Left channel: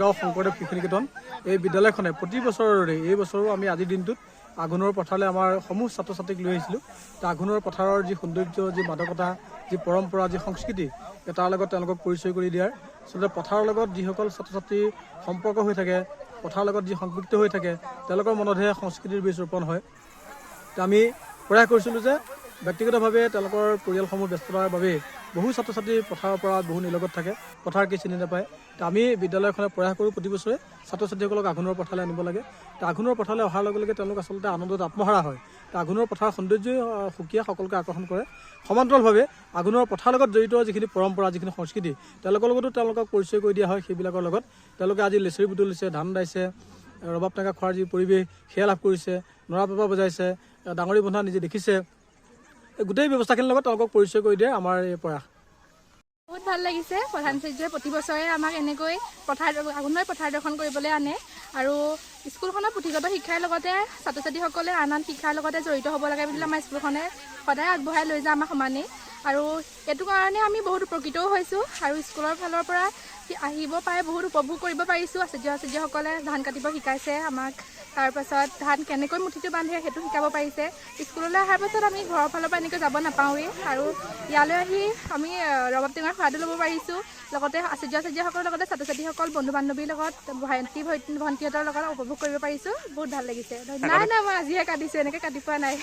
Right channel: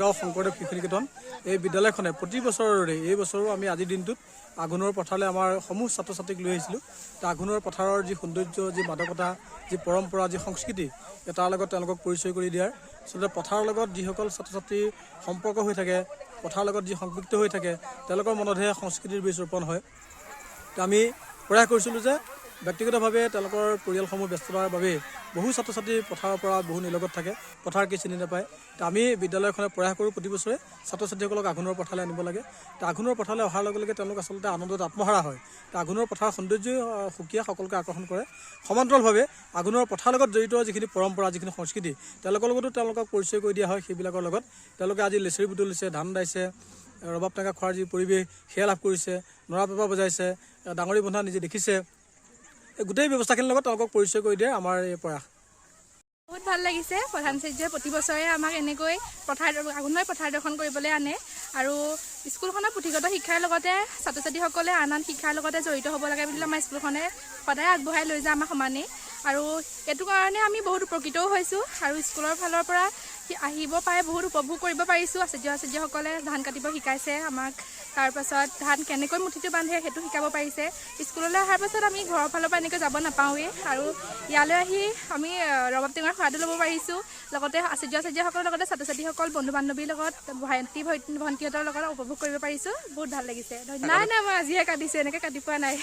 গাঁও শংকৰদেৱ শিশু নিকেতন এই বিদ্যালয়খনে প্ৰতি বছৰৰে এই বছৰো আমি আজিৰ দিনটোত আঘোণৰ পথাৰলৈ আমাৰ সমূহ ছাত্ৰ ছাত্ৰীক লৈ আহিছিলোঁ। আঘোণৰ পথাৰৰ যি সৌন্দৰ্য, যি মাদকতা, যি পৰম্পৰা, যি সংস্কৃতি, তাৰ লগত তেওঁলোকক পৰিচয় কৰি দিয়াৰ আচলতে পথাৰৰ লগত যিসকল ছাত্ৰ ছাত্ৰীৰ সম্পৰ্ক হৈ থাকে, পথাৰৰ লগত যি সংপৃক্ত হৈ থাকে, তেওঁলোকৰ মনতহে সংস্কৃতিৰ বীজ ৰোপণ হয়। আমি প্ৰয়াস কৰিছিলোঁ যে ব্যক্তিগতভাৱে তেওঁলোকৰ পৰিয়ালসমূহ ব্যস্ততাৰ বাবে বহু ছাত্ৰ ছাত্ৰী পথাৰৰ পৰা বহু নিলগত থাকে, পথাৰ কি চিনি নাপায়। আমি বিদ্যালয়খনে প্ৰয়াস কৰোঁ প্ৰতি বছৰে ছাত্ৰ ছাত্ৰীসকলক আঘোণৰ পথাৰলৈ আনিব লাগে। আঘোণৰ পথাৰলৈ অহাৰ লগে লগে তেওঁলোক আচলতে আনন্দত আত্মহাৰা হয়। আঘোণৰ পথাৰৰ সৌন্দৰ্যই সুকীয়া সকলোকে আকৰ্ষণ কৰে। সমান্তৰালভাৱে আঘোণৰ পথাৰৰ লগত জড়িত যিখিনি পৰম্পৰা, যিখিনি সংস্কৃতি, তেওঁলোকৰ লগতো তেওঁলোকক পৰিচয় কৰি দিয়া হয়। সেইবিলাকৰ লগত তেওঁলোকে আজি লেচেৰি বুটলিছে, ধান দাইছে, ৰবাব টেঙা খোৱাৰ যি পৰিৱেশ সেয়া লাভ কৰিছে, নৰা পেঁপা বজাইছে, ডাঙৰি বন্ধা নিজে দেখিছে। এই গোটেই ব্যৱস্থাখিনিৰ লগত তেওঁলোকক পৰিচয় কৰি দিয়ে আমাৰ এই প্ৰয়াস। বহুত ভাল লাগিছে। প্ৰধানাচাৰ্যই প্ৰতি বছৰে আমাক এনেকৈ আঘোণময় পথাৰ দৰ্শন কৰিবলৈ আনে আৰু স্কুলখনৰ পুথিগত শিক্ষাৰ লগতে ছাত্ৰ ছাত্ৰীসকলে আন আন শিক্ষাৰ লগতে জড়িত হ'ব লাগে বুলি আমাৰ স্কুলখনে সদায় আগবঢ়াই লৈ যায় আমাক সমানেই। আৰু এইটো কাৰণে আমি বহুত উপকৃতও হৈছোঁ আৰু স্কুলৰ ফালৰ পৰা আহিব পাৰে বহুত উপভোগ কৰিব পাৰিছোঁ। আচাৰ্যসকলে ধান কাটিব শিকাইছে আমাক, তাৰপাছত ধান কেনেকৈ মুঠিটো বান্ধে সেইটো শিকাব পাৰিছে। স্কুললৈ অহাৰ পাছত আমি ঘৰৰ ফালৰ পৰা এনেকৈ যাব নাপাওঁৱেই আৰু ইয়ালৈ আহি আমি ৰবাব টেঙাৰ সোৱাদো ল'ব পাৰিছোঁ। লগতে আচাৰ্যসকলৰ লগতে ছাত্ৰ ছাত্ৰীসকল, বন্ধু বান্ধৱীৰ লগত, ভণ্টিহঁতৰ লগত উপভোগ কৰিব পাৰিছোঁ। বহুত ভাল লাগিছে। নাই মই আজিহে কাটিছোঁ, এনেকৈ কাটি পোৱা নাই।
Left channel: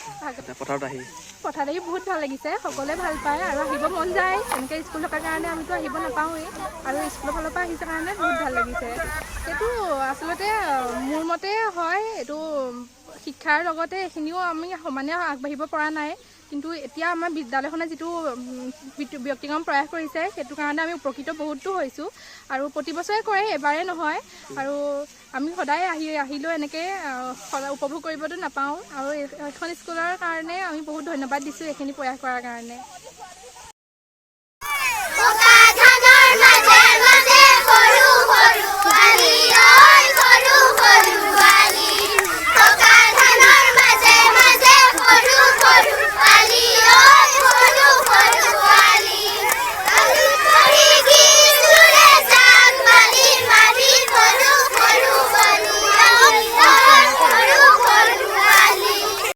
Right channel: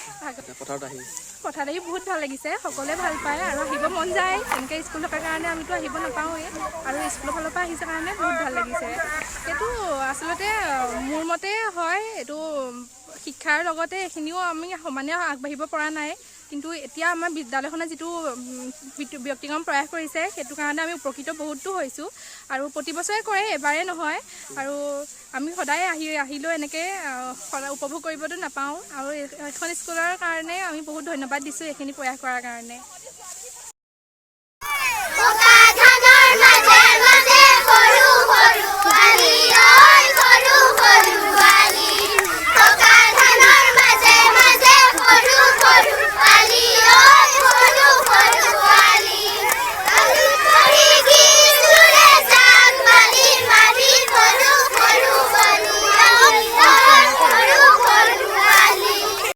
পথাৰত আহি বহুত ভাল লাগিছে, সকলোৱে ভাল পায় আৰু আহিব মন যায়। এনেকৈ স্কুল থকাৰ কাৰণে আমিতো আহিব নাপাওঁৱেই আৰু স্কুলৰ ফালৰ পৰা আহিছে কাৰণে বহুত ভাল লাগিছে। সেইটো আচলতে মোৰ মতে হয়, এইটো শিক্ষাৰ লগতে এইখিনিও আমি সমানে আগবাঢ়িব পৰা নাই। কিন্তু এতিয়া আমাৰ বিদ্যালয়খনে যিটো ব্যক্তিক্ৰম প্ৰয়াস কৰিছে সেইটো কাৰণে আমি উপকৃত বহুতো হৈছোঁ আৰু প্ৰতি বছৰে কৰে, এবাৰেই নহয়। আৰু আমি সদায় আহিলেও এনেকৈ উপভোগ কৰিবতো নাপাওঁ আৰু এখন স্কুলৰ কাৰণে আমি বহুত ধন্যবাদ দিছোঁ এইখিনি প্ৰয়াস কৰাৰ কাৰণে।